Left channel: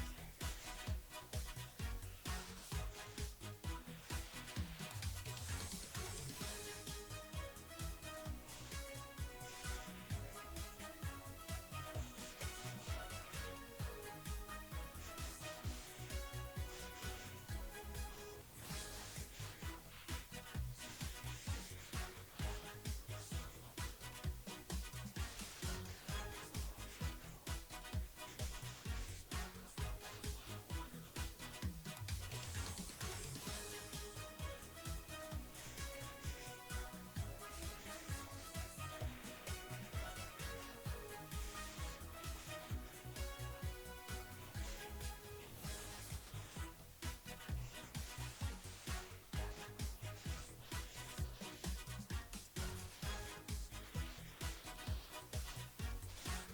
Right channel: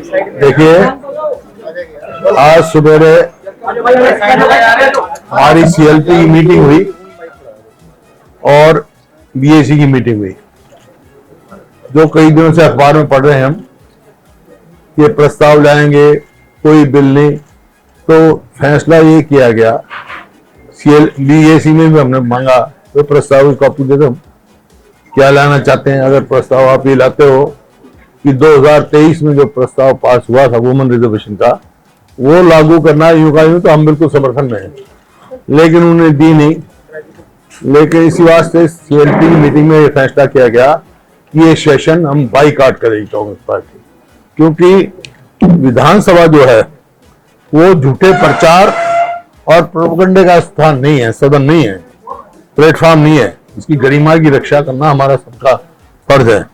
देखिए, आज सुबह हमारी सीएलपी की मीटिंग हुई और बीएसी की मीटिंग हुई। जो कई दिनों से अखबार में पढ़ रहे हैं हम, ये प्रस्ताव लाएंगे, कोई बिल नहीं, तो फैसला ये किया गया। बीएसी में भी हमने मांगा तो प्रस्ताव की कॉपी दे दो, क्या लाना चाहते हैं। अगर प्रस्ताव आप ये लाते हो कि 2023 में जो प्रस्ताव पास हुआ था वुमेन रिजर्वेशन का, वो लागू करना यूं का यूं, तो हम बिल्कुल समर्थन में हैं, लेकिन उन्होंने दी नहीं। लेकिन इसी वास्ते सीएलपी की मीटिंग में ये फैसला किया गया कि ये सेशन हम बाईकाट करेगी कांग्रेस पार्टी, क्योंकि विधानसभा जो है वो झूठे प्रचार और प्रोपेगेंडे का स्थान नहीं है, सदन नहीं है, प्लेटफॉर्म नहीं है। इसकी गरिमा की रक्षा करना हमारा सबका फर्ज है।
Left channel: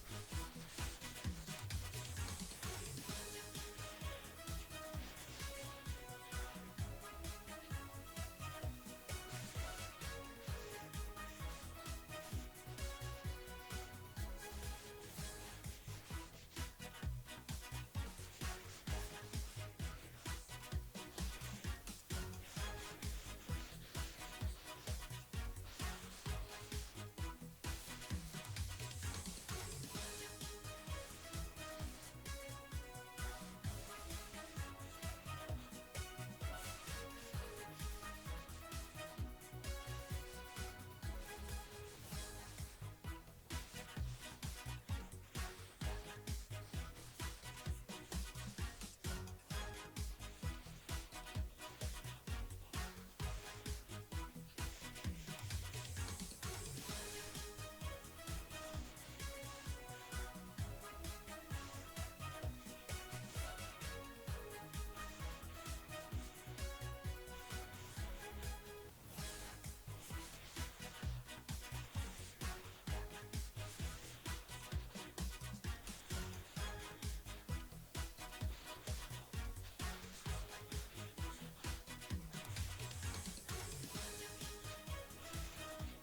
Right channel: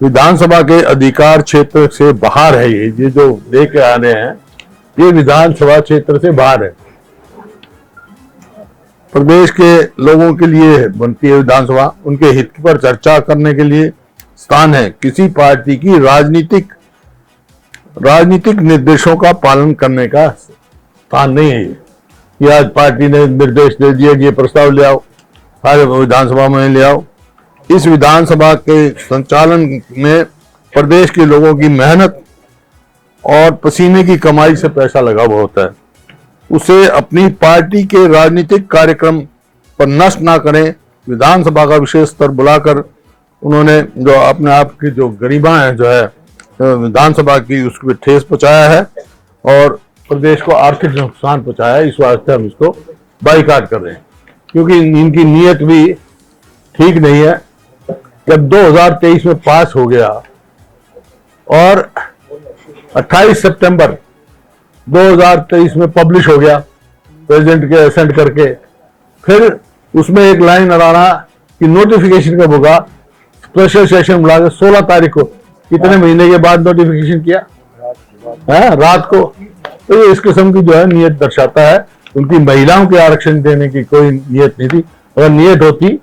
विधानसभा के अधिकार क्षेत्र से बाहर है ये जो लेके आ रहे हैं, ये विधानसभा क्षेत्र से बाहर है। प्रदेश के लोगों के लिए बनती है विधानसभा, उनके हित पर चर्चा करने के लिए स्थान है। किसी पार्टी की राजनीतिक निर्देशों का पालन करने का स्थान नहीं है ये। आज पार्टी ने निर्देश दे दिया कि ये प्रस्ताव ले आओ, सारे विधानसभा में ले आओ। इस विधानसभा के संचालन में प्रदेश के लोगों की मेहनत और पसीने की कमाई से पैसा लगा हुआ होता है। उसे अपनी पार्टी के राजनीतिक कार्यक्रम पर नष्ट ना करें। विधानसभा का विशेष स्तर बुलाकर उन्होंने जो अपने आप की जो गरिमा है जो है विधानसभा की, उसको ठेस पहुंचाया है और प्रदेश को आर्थिक नुकसान पहुंचाया है। इस वास्ते हम इसको बाईकाट कर रहे हैं, क्योंकि इनकी नीयत भी ठीक नहीं है। जब 2023 में पास हो गया और 28 सितंबर 2023 में पब्लिश हो गया प्रेसिडेंट के एसेंट करके, फिर उसमें एक लाइन लगाना कि नोटिफिकेशन कब होगा। स्पेशल सेशन बुला के 16 तारीख को, कितने महीने के बाद नोटिफिकेशन किया है, रात को। तो ये इस किस्म की जो है नीयत दर्शाता है। उनकी महिलाओं के आरक्षण देने की कोई नीयत नहीं थी। अगर नीयत होती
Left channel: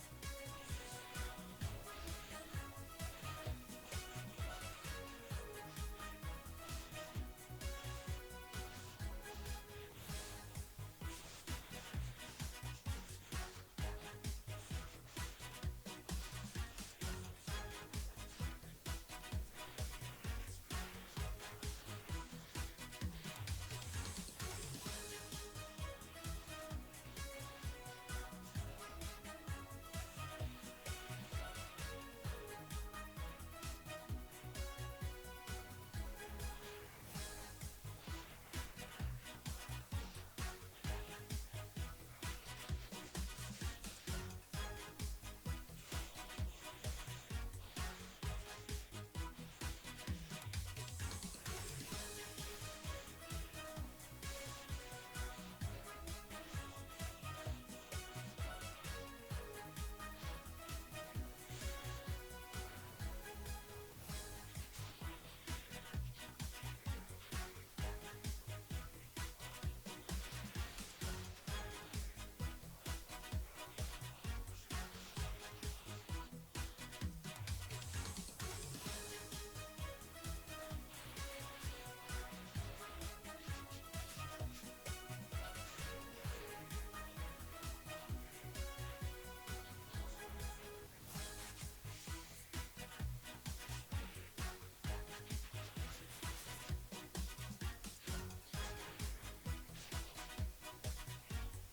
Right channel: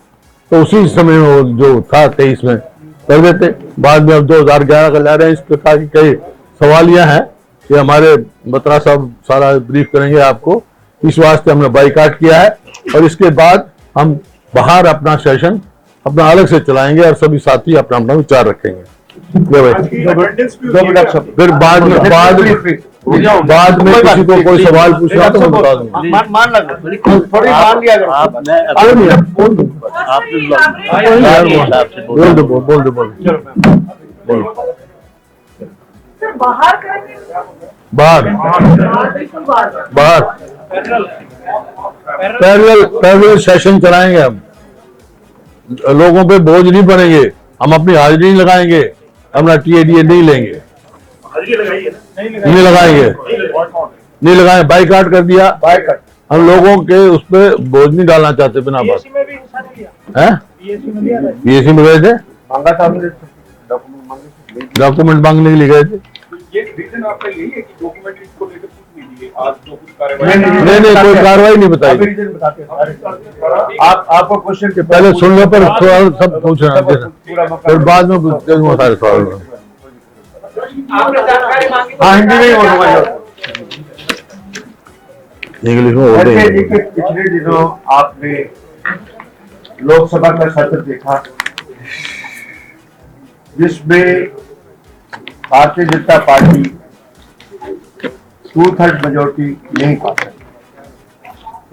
तो उसी समय में वो जो था 23 में कर देते। बाद में अब 2011 का ला रहे हैं। इस प्रकार की कई सवालियां हैं कि हमारे बत्रा साहब सारा ब्रीफ करेंगे आपको। इस वास्ते हमने बाईकाट किया है और इसके बाद हम बाहर अपना सेशन अपना अलग से चलाएंगे और सभी साथी अपना अपना विचार रखेंगे। फिर बाद में किसी को कोई सवाल पूछना तो मैं बता दूंगा। बाहर पैरेलल सेशन चलाएंगे हम। लोगों पे बोझ नहीं बनेंगे, हम अपनी हाजिरी नहीं लगाएंगे, अपना टीएडीए नहीं लेंगे, नहीं लगाएंगे, बाईकाट कर दिया। हम लोगों के उस पर बोझ नहीं डालना चाहते बिना बात है। बीएससी में गए थे, डॉक्यूमेंट मांगने के लिए गए थे। नहीं कोई कार्रवाई नहीं बताई। आपको क्वेश्चन के पहले सुनने पर सवाल सब पूछना, फिर बाद में सारे सवाल। हाँ, हिंदी में ही बोलूंगा। इंग्लिश में बोल रहे हैं। पिछले दिनों आपने लोकसभा का सत्र देखा, जिसमें भारतीय जनता पार्टी 2/3 मेजोरिटी नहीं पा सकी।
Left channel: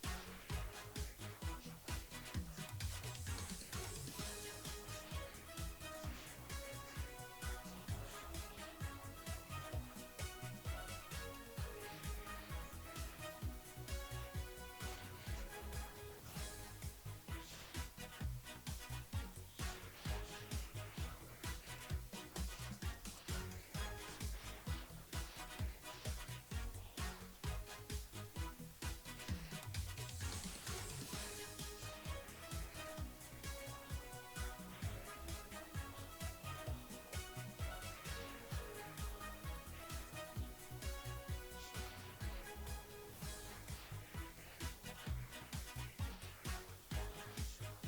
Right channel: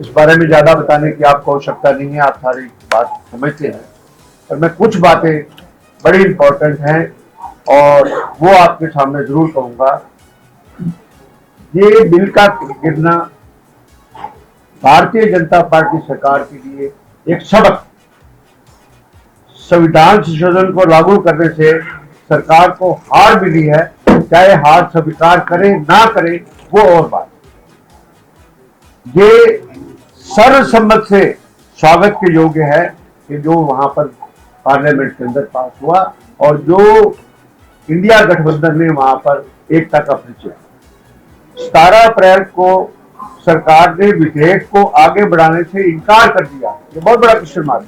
इस बारे में ज्यादा बताने की आपको आवश्यकता नहीं है, आप सारी बात समझते हैं। पर मैं कुछ बातें बड़ी इंपॉर्टेंट हैं और वो आपके सामने जरूर कहूंगा। ये बिल का गिरना भारतीय जनता पार्टी सरकार के लिए एक सबक। संविधान संशोधन को लागू करने से सरकार को हार मिली है, चाहे हार स्वीकार करे ना करे वो और बात। ये सर्वसम्मत से स्वागत के योग्य है कि जो वहां पर पार्लियामेंट के अंदर पास हुआ और जो इंडिया गठबंधन ने वहां पर एकता का परिचय। 17 अप्रैल को सरकार ने विधेयक को आगे बढ़ाने से इनकार कर दिया, ये बहुत बड़ा क्वेश्चन मार्क।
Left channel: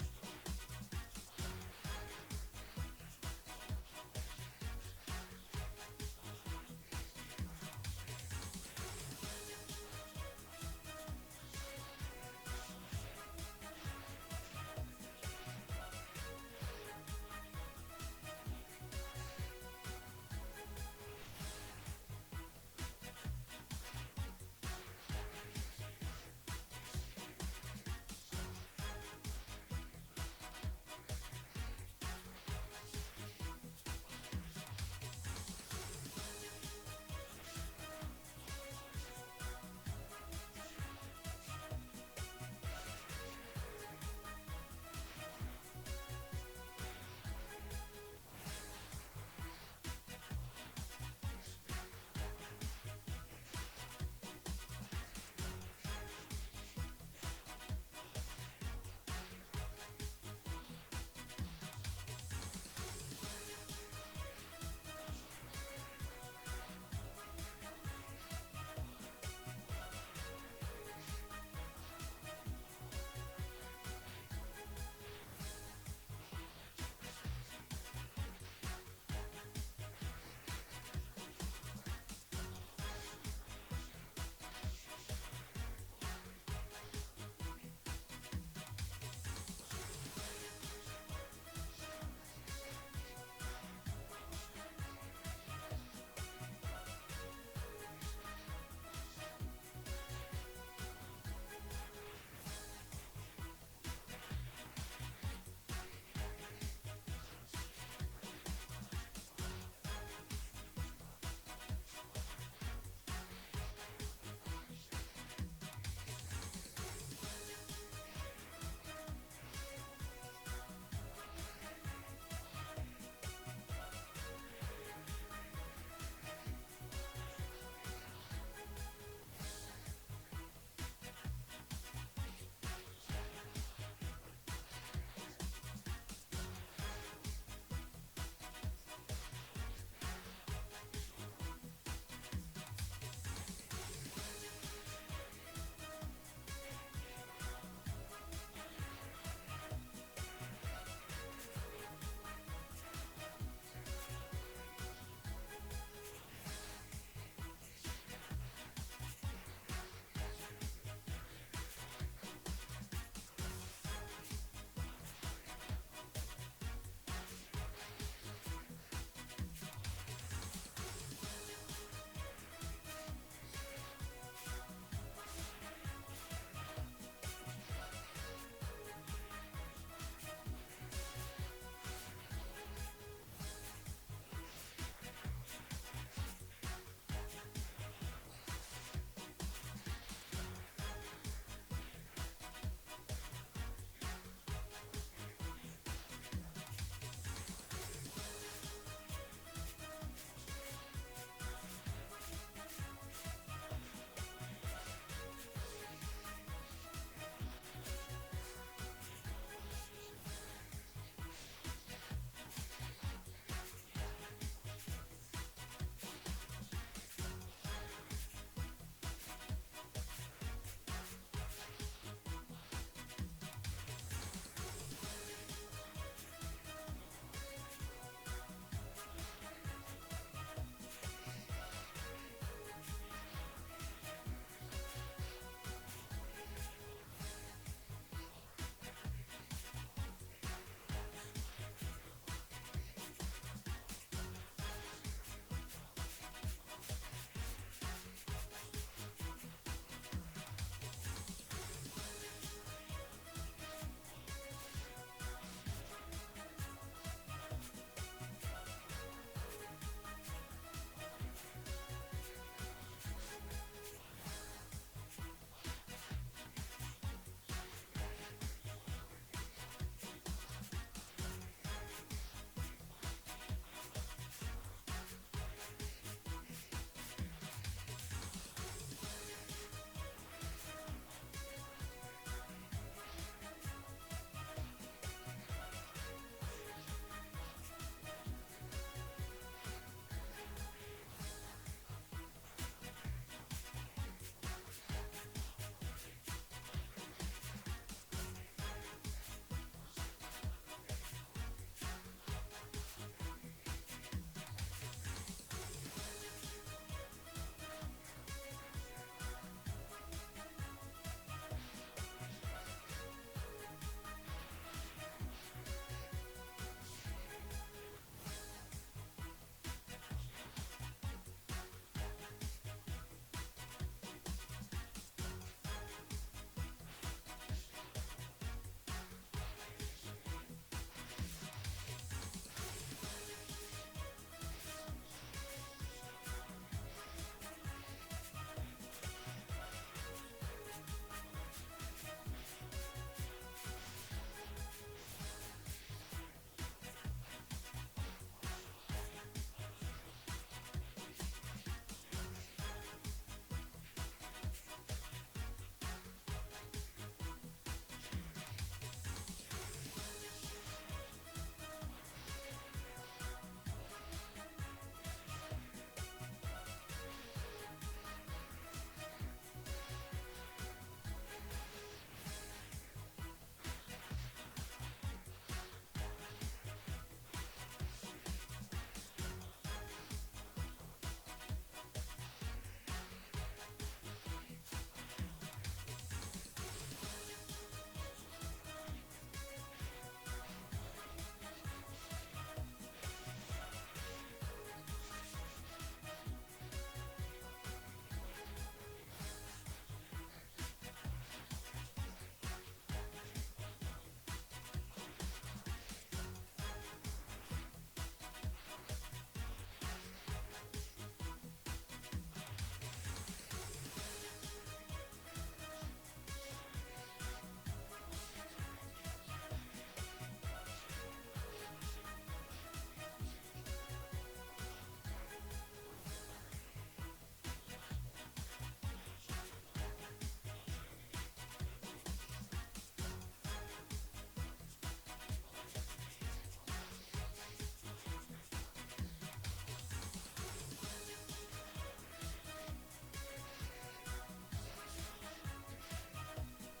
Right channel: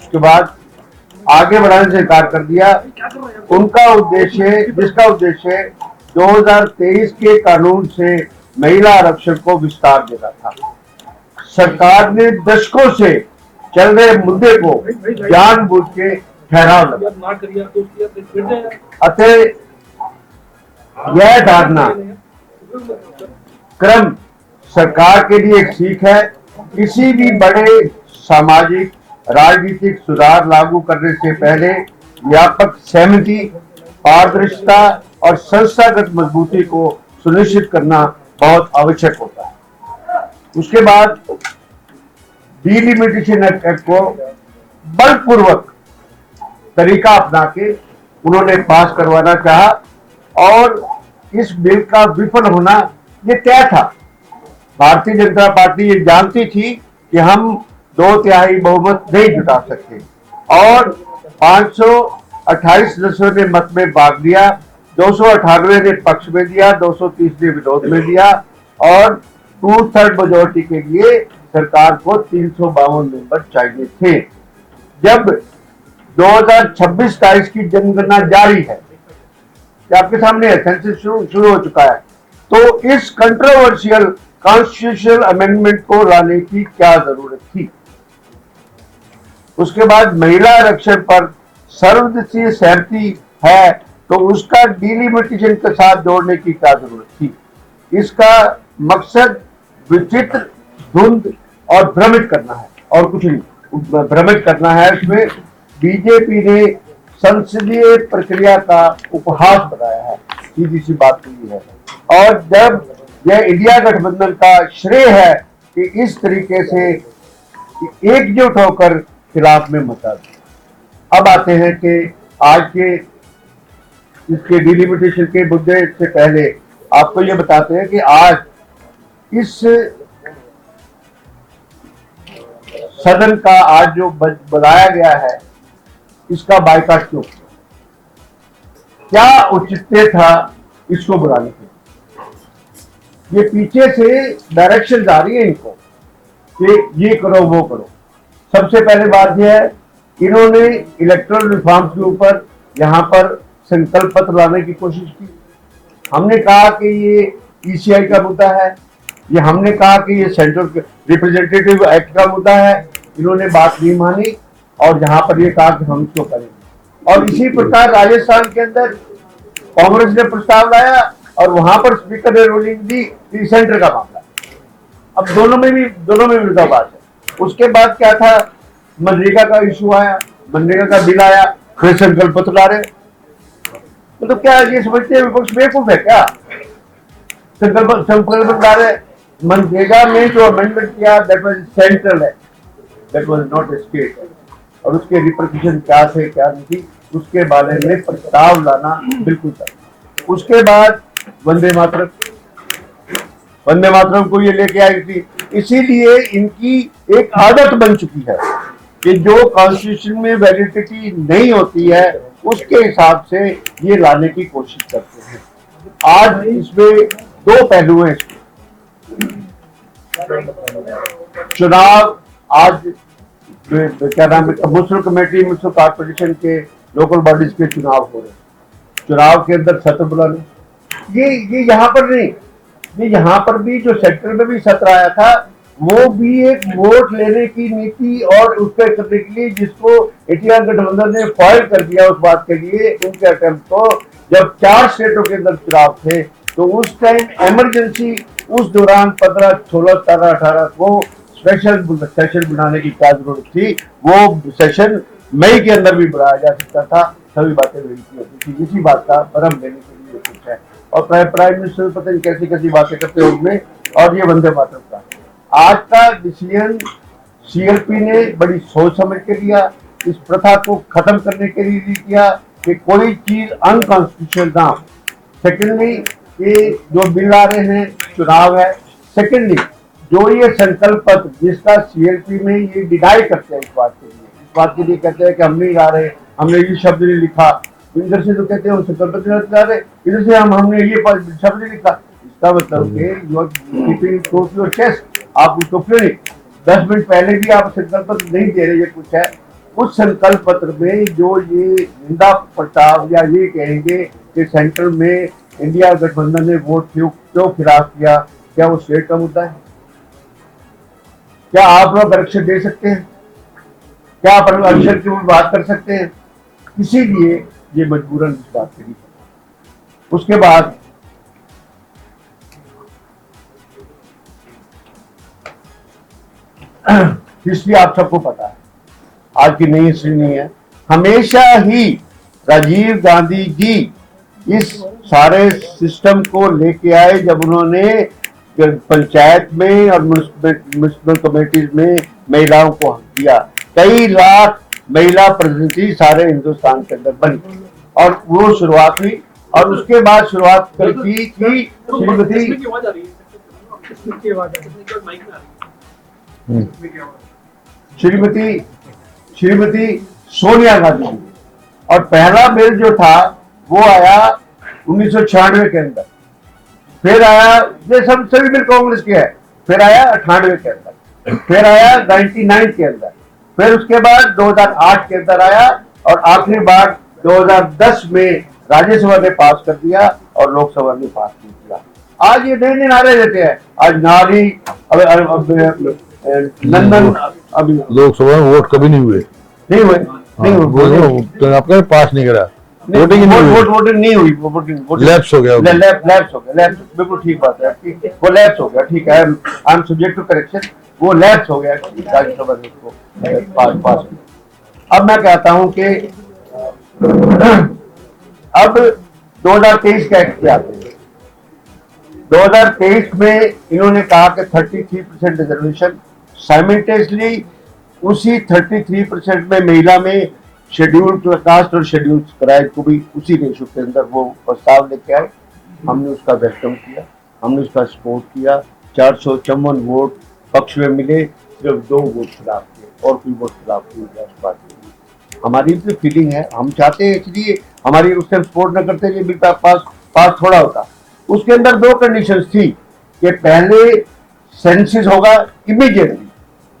उसके बाद आगे बढ़ाने से इनकार कर दिया। उनका उद्देश्य, जिसका उद्देश्य 2023 के कानून से महिला आरक्षण को विस्तार देना था। सरकार ने दशकों से चल रहे मुद्दे को जानबूझ के ठहराव लगा। अतः यह धारणा क्रम सरकार के लिए एक सीख है। किसी भी बड़े सामाजिक राजनीतिक सुधार लागू करने से पहले व्यापक सहमति, पारदर्शिता और संस्थागत मजबूती को सुनिश्चित करना बहुत आवश्यक होता है। उसके बाद डिलिमिटेशन एक्ट को बलपूर्वक तरीका अपना के उन्होंने पास करवाना चाहा और इस बिल का विफल होना ये तय था। भारतीय जनता पार्टी ये जानती थी कि हम 2/3 बहुमत नहीं जुटा सकते और 528 सदस्यों ने मत में भाग लिया, 298 ने पक्ष में दिया, 230 ने विरोध में दिया और 2/3 मेजोरिटी के लिए सरकार को 352 मेंबर चाहिए थे। जब 2026-27 की जनगणना जारी है, आपके सामने है, सेंसस शुरू हो चुका है, तो इस कंट्रोवर्शियल कॉन्स्टिट्यूशनल अमेंडमेंट को लाने की क्या जरूरत थी? उसके बाद महिला आरक्षण पर सर्वदलीय सहमति है तो उसका डिलिमिटेशन के साथ जोड़ने की क्या जरूरत थी? इसका मकसद विचित्र, धुंध और भ्रमित करना है और कुछ नहीं। भ्रमित करना है। इसमें बीजेपी ने संसदीय प्रक्रिया का उपहास बनाया है, सीधी सी बात यही है। और जब यह इंडिया गठबंधन का श्रेय है कि इस तरीके से एकजुट होकर खिलाफ में मचा दिया। अब आते हैं कि आज के इसके डिलिमिटेशन के मुद्दे से पहले आपको ये बताते हैं कि आज इस सदन का आज जो बनाया गया है, इसका बायकॉट क्यों? क्या औचित्य था इसको बुलाने के? ये पीछे से डायरेक्शन आ रही है इनको कि ये करो वो करो। सबसे पहले बात यह है, इन्होंने इलेक्टोरल रिफॉर्म्स के ऊपर यहाँ पर संकल्प पत्र लाने की कोशिश की। हमने कहा कि ये ईसीआई का मुद्दा है, ये हमने कहा कि ये सेंट्रल रिप्रेजेंटेटिव एक्ट का मुद्दा है। इन्होंने बात नहीं मानी और यहाँ पर ये कहा कि हम इसको करेंगे। और इसी प्रकार राजस्थान के अंदर कांग्रेस ने प्रस्ताव लाया और वहां पर स्पीकर ने रूलिंग दी कि सेंटर का मामला। अब दोनों में विरोधाभास है। उसके बाद क्या था, मनरेगा का इशू आया, मनरेगा का बिल आया, फिर संकल्प पत्र ला रहे। तो क्या ये समझते हैं विपक्ष बेवकूफ है क्या? संकल्प ला रहे। मनरेगा में जो अमेंडमेंट किया दैट वाज सेंट्रल है, दैट वाज नॉट स्टेट। और उसके रिपरकशन क्या थे क्या नहीं थी, उसके बारे में प्रस्ताव लाना बिल्कुल था। उसके बाद वंदे मातरम को ये लेके आई थी। इसीलिए इनकी एक आदत बन चुकी है कि जो कॉन्स्टिट्यूशन में वैलिडिटी नहीं होती है उसके हिसाब से ये लाने की कोशिश करते हैं। आज इसमें दो पहलू हैं। चुनाव आज क्या नाम है, म्युनिसिपल कमेटी, म्युनिसिपल कॉर्पोरेशन के लोकल बॉडीज के चुनाव हो रहे हैं। चुनाव के अंदर सत्र बुलाने, ये यहाँ पर नहीं, ये यहाँ पर भी जो सेक्टर में भी सत्र आया था वो भी एक वोट लेने की नीति और उसके करने के लिए जिसको इंडिया गठबंधन ने फॉइल कर दिया उस बात के लिए उनके अटेम्प्ट को। जब 4 स्टेटों के अंदर चुनाव थे तो उस टाइम इमरजेंसी, उस दौरान 15, 16, 17, 18 को स्पेशल सेशन बनाने की क्या जरूरत थी? वो सेशन मई के अंदर भी बुलाया जा सकता था। सभी बातें होती थी। इसी बात का भरम लेने के लिए कुछ है। और प्राइम मिनिस्टर पता नहीं कैसी कैसी बातें करते हैं उसमें। और ये वंदे मातरम का आज का डिसीजन सीएलपी ने बड़ी सोच समझ के लिया। इस प्रथा को खत्म करने के लिए किया कि कोई चीज अनकॉन्स्टिट्यूशनल ना हो। सेकेंडली, ये जो बिल आ रहे हैं, चुनाव है। सेकेंडली, जो ये संकल्प पत्र जिसका सीएलपी में ये डिनाई करते हैं, इस बात के लिए कहते हैं कि हम नहीं ला रहे, हमने ये शब्द नहीं लिखा। इधर से जो कहते हैं संकल्प पत्र ला रहे, इधर से हमने ये शब्द नहीं लिखा। इसका मतलब योर चेस्ट, आप उसको क्यों नहीं 10 मिनट पहले भी आप संकल्प पत्र नहीं दे रहे? ये कुछ है उस संकल्प पत्र में जो ये निंदा प्रस्ताव या ये कहेंगे कि सेंटर में इंडिया गठबंधन ने वोट क्यों खिलाफ किया, क्या वो स्टेट का मुद्दा है? क्या आप लोग आरक्षण दे सकते हैं? क्या आप आरक्षण की बात कर सकते हैं? इसीलिए ये मजबूरन इस बात के लिए। उसके बाद हिस्ट्री आप सबको पता है, आज की नई हिस्ट्री नहीं है। हमेशा ही राजीव गांधी जी इस सारे सिस्टम को लेके आए जब उन्होंने पंचायत में और म्युनिसिपल कमेटीज में महिलाओं को हक दिया। कई लाख महिला प्रतिनिधि सारे हिंदुस्तान के अंदर बनी और वो शुरुआत हुई। और उसके बाद शुरुआत की श्रीमती सोनिया गांधी जी। और पहला बिल जो था वो आया 1996 के अंदर, फिर आया, ये सब सभी बिल कांग्रेस के है, फिर आया 98 के अंदर, फिर आया 99 के अंदर, फिर उसके बाद 2008 के अंदर आया और आखिरी बार 2010 में राज्यसभा ने पास कर दिया और लोकसभा ने पास नहीं किया। आज ये नए नारे देते हैं, आज नारी लंदन अभी लोकसभा में वोट कभी नहीं हुए, नहीं हुए, आपका पास नहीं करा, वोटिंग नहीं हुई, वोटिंग लैप्स हो गया, बिल्कुल ठीक बात है आपकी, वो लैप्स हो गया, ठीक है, I am subject to correction, वो लैप्स हो गया राज्यसभा ने उसको पास। अब मैं कहता हूं कि अब 2023 का एक्ट पे आते हैं। 2023 में इन्होंने कहा कि 33% रिजर्वेशन, साइमल्टेनियसली उसी 33% में महिला में शेड्यूल्ड कास्ट और शेड्यूल्ड ट्राइब को भी उसी रेशो के अंदर वो प्रस्ताव लेके आए। हमने उसका वेलकम किया, हमने उसका सपोर्ट किया। 454 वोट पक्ष में मिले, जब 2 वोट खिलाफ थे और कोई वोट खिलाफ नहीं हुआ। हमारी भी फीलिंग है, हम चाहते हैं, इसलिए हमारी उस टाइम सपोर्ट न करते ये बिल पास थोड़ा होता। उसके अंदर 2 कंडीशंस थी कि पहले सेंसिस होगा इमीडिएटली,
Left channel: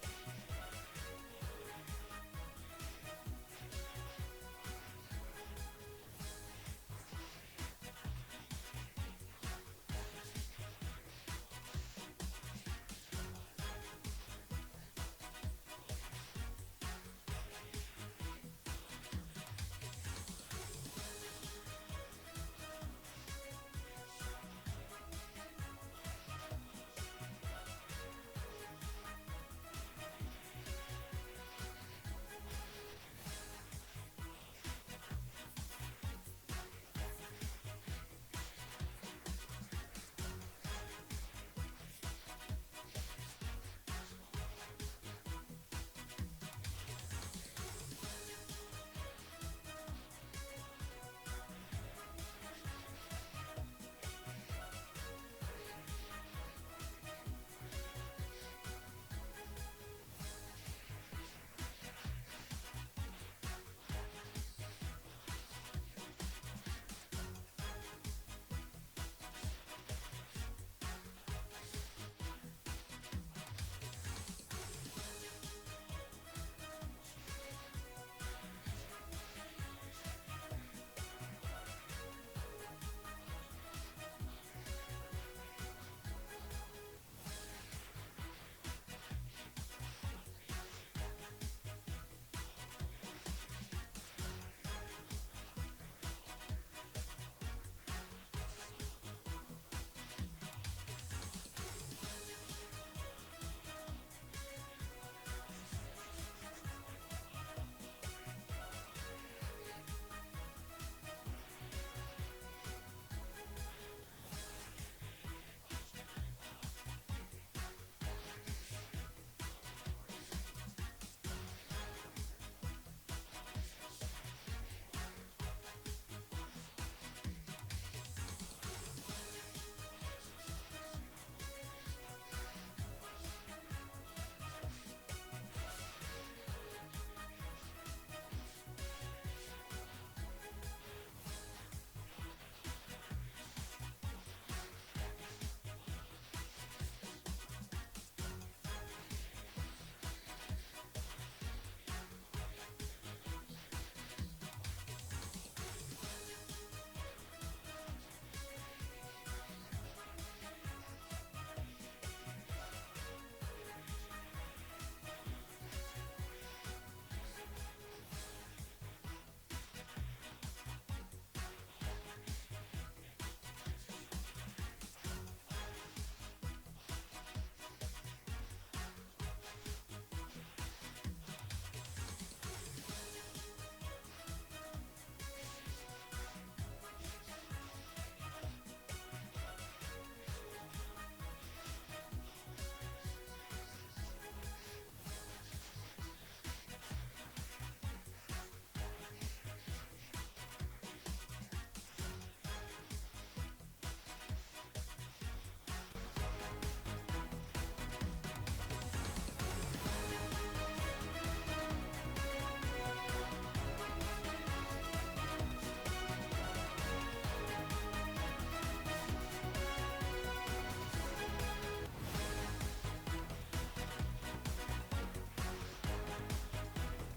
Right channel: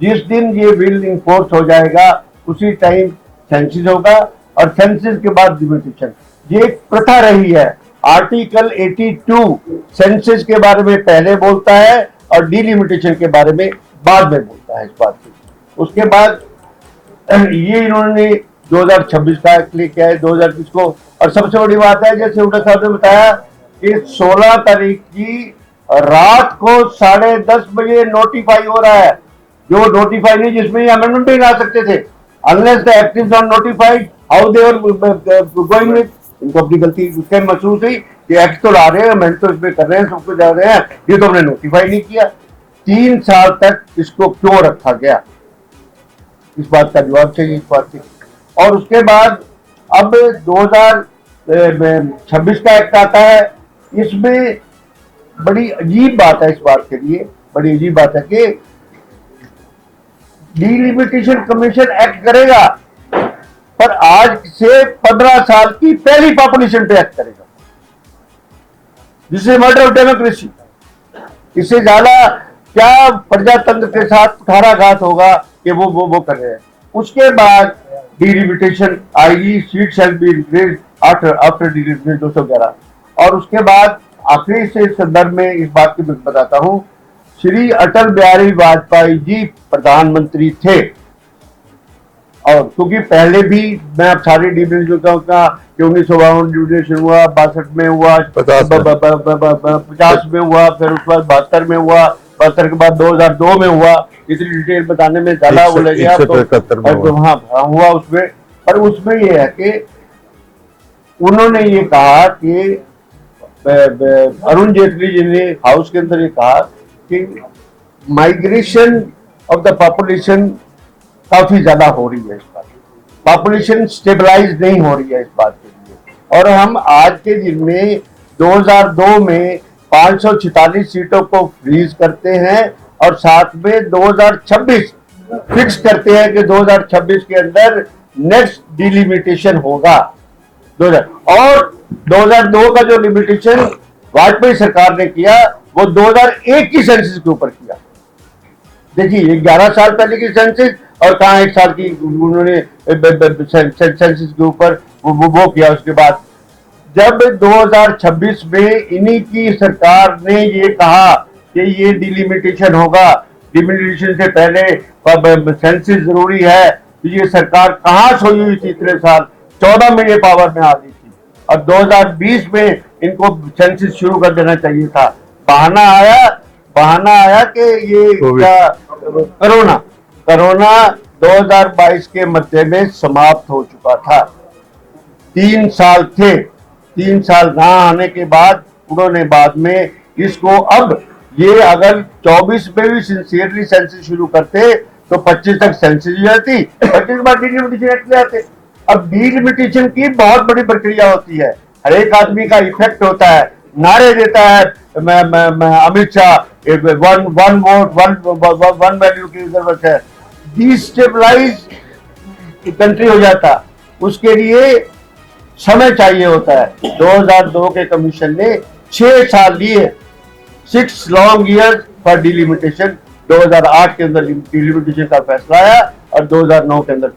जिस दिन ये बिल इन्फोर्स हो जाएगा उसी टाइम सेंसिस होगा, और सेंसिस के बाद डिलिमिटेशन। ये एक प्रथा रही है। आर्टिकल 82 सेंसिस के बारे में पहले बोलता है और डिलिमिटेशन के बारे में बाद में बोलता है इस बात की। उसके बाद ये इन्होंने 2026 का एक्ट लेके आए 2020 को। और सबसे बड़ी बात है, जैसे उल्टा साहब ने बताया कि 16 तारीख की रात को 10:30 बजे नोटिफाई हो रहा है। जो नोटिफाई नहीं, जिसमें अमेंडमेंट नहीं ला सकते थे, unless the act is not notified, how they are going with. इनको अपनी गलती उसके महसूस हुई कि एक्ट तो ला रहे हैं, अमेंड तो इसमें कर रहे हैं, सब कुछ जा रहे हैं, ये तो हमने नोटिफाई नहीं किया। 3 साल तक इसको क्यों रखा गया, इस बात का जवाब चाहिए इस बात की। और उसके बाद अब 2026 का एक्ट आता है। इसमें बड़ी अजीब बात है, इस बात के लिए बड़ी अजीब बात है कि डिलिमिटेशन कमीशन एक्ट करेगा, पर आज से 15 साल की पहली पॉपुलेशन पे एक्ट करेगा। This is murder of democracy. इससे ज्यादा क्या प्रजातंत्र के साथ कुठाराघात होगा कि वो कर रहे हैं। उसके बाद डिलिमिटेशन आएगी, seat shall be increased after delimitation 211। और उसके बाद आखिरी से संदर्भ में इस बात की बताता हूं, श्री अटल बिहारी वाजपेयी जी प्रधानमंत्री थे, और क्योंकि पहले भी मैं अब सारी डिविजन का कि 1952 डिविजन हुआ, 62 में हुआ, 50 में हुआ, फिर उसके बाद 72 में हुआ, 72 के बाद 2002 में हुआ। इतनी डिटेल बताने में ज्यादा वो लग गया तो हाँ हुआ उसमें। पर उसमें ये है कि उन्होंने ये कहा कि अरुण जेटली जी ने हाउस के अंदर ये कहा कि माइग्रेशन ऑफ द पॉपुलेशन काफी ज्यादा हो रही है, इस बात पॉपुलेशन स्टेबलाइज नहीं हो रही है इस बात के लिए। और हम आज के दिन में 2002 में 546 सीटों को फ्रीज करते हैं और साथ में 2026 फिक्स करते हैं कि 2026 के अंदर नेक्स्ट डिलिमिटेशन होगा। और 2002 का जो लिमिटेशन वाजपेयी सरकार ने किया वो 2001 की सेंसस के ऊपर किया। देखिए 11 साल पहले की सेंसस और कहाँ 1 साल की उन्होंने सेंसस के ऊपर वो किया। उसके बाद जब 2026 में इन्हीं की सरकार ने ये कहा कि ये डिलिमिटेशन होगा, डिलिमिटेशन से पहले सेंसिस जरूरी है, तो ये सरकार कहाँ सोई हुई थी इतने साल? 14 में ये पावर में आ गई थी। अब 2020 में इनको सेंसिस शुरू कर देना चाहिए था। बहाना आया कि ये कोरोना 2022 के मध्य में समाप्त हो चुका था। 3 साल थे, 3 साल ना आने के बाद उन्होंने बाद में इसको, अब ये अगर 24 में भी सिंसियरली सेंसिस शुरू करते तो 25 तक सेंसिस हो जाती, 25 के बाद डिलिमिटेशन एक्ट ले आते। अब डिलिमिटेशन की बहुत बड़ी प्रक्रिया होती है, हर एक आदमी का इफेक्ट होता है, नारे देता है Amit Shah, one vote one value की जरूरत है, डिस्टेबलाइज कंट्री हो जाता। उसके लिए समय चाहिए होता है। 2002 के कमीशन ने 6 साल लिए, 6 लॉन्ग ईयर्स फॉर डिलिमिटेशन। 2008 के अंदर डिलिमिटेशन का फैसला आया और 2009 के अंदर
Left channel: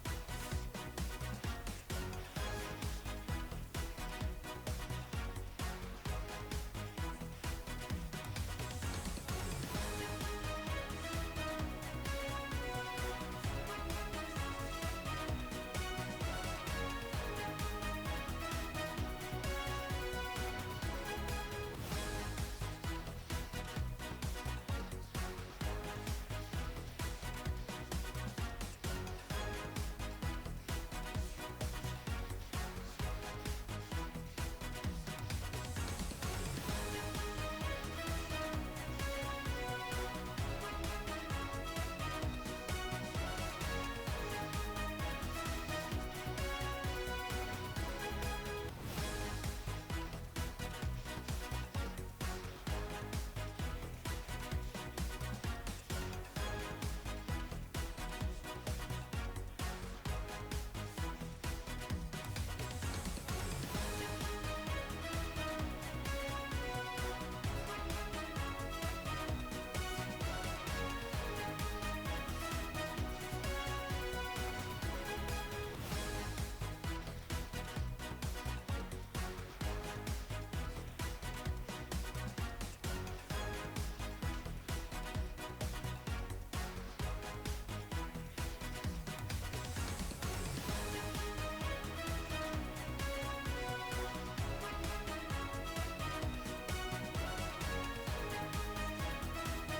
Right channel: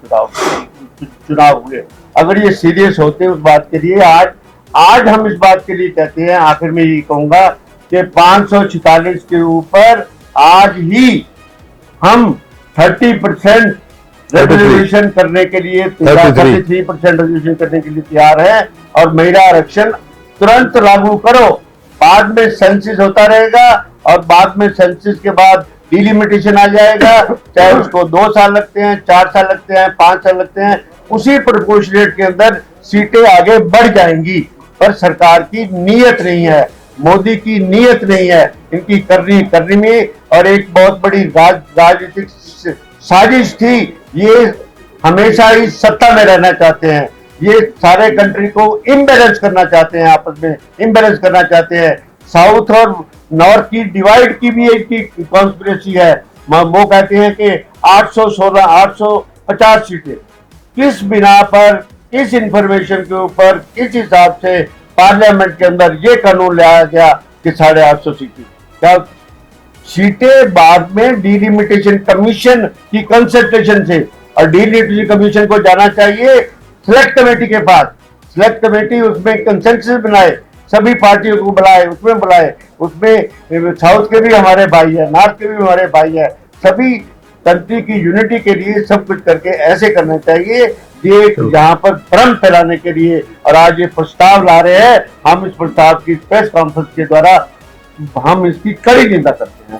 चुनाव हुए। अगर ये सीरियस होते उस बात के लिए, आज हम इस बात के लिए कहते हैं, आखिर में ये कहूंगा कि 546 के ऊपर आज ही हम 30% रेजोल्यूशन करने के लिए 33% रेजोल्यूशन करने के लिए तैयार है। और महिला आरक्षण तुरंत लागू करो, बाद में सेंसिस होता रहेगा और बाद में सेंसिस के बाद डिलिमिटेशन आ जाएगा, चाहे उसको 2 साल लगते हैं, 4 साल लगते हैं, 5 साल लगते हैं, उसी प्रोपोर्शनेट के अंदर सीटें आगे बढ़ जाएंगी। पर सरकार की नीयत नहीं है, मोदी की नीयत नहीं है, इनकी करनी में, और एक बहुत बड़ी राजनीतिक साजिश थी। ये हमेशा ही सत्ता में रहना चाहते हैं, ये सारे कंट्री को इम्बैलेंस करना चाहते हैं, आपस में इम्बैलेंस करना चाहते हैं। साउथ और नॉर्थ की डिवाइड की भी एक कॉन्स्पिरेसी है। वो कहते हैं कि 816 850 सीटें, किस बिना पर, किस इंफॉर्मेशन के ऊपर, किस हिसाब से पार्लियामेंट के अंदर ये कानून लाया गया कि 850 सीटें? क्या सीटें बाद में डिलिमिटेशन कमीशन की कंसल्टेशन से, और डिलिमिटेशन कमीशन को जाना चाहिए सिलेक्ट कमेटी के पास। सिलेक्ट कमेटी उसमें कंसेंसस बनाए, सभी पार्टियों को बुलाए, उसमें साउथ के भी हमारे भाई है, नॉर्थ के भी हमारे भाई है, सभी कंट्री की यूनिटी के लिए सब कुछ करके ऐसे करना चाहिए। ये यहाँ पर भ्रम फैलाने के लिए और आज ये प्रस्ताव ला रहे हैं, हम इस प्रस्ताव की प्रेस कॉन्फ्रेंस के द्वारा हम इसकी कड़ी निंदा करते हैं।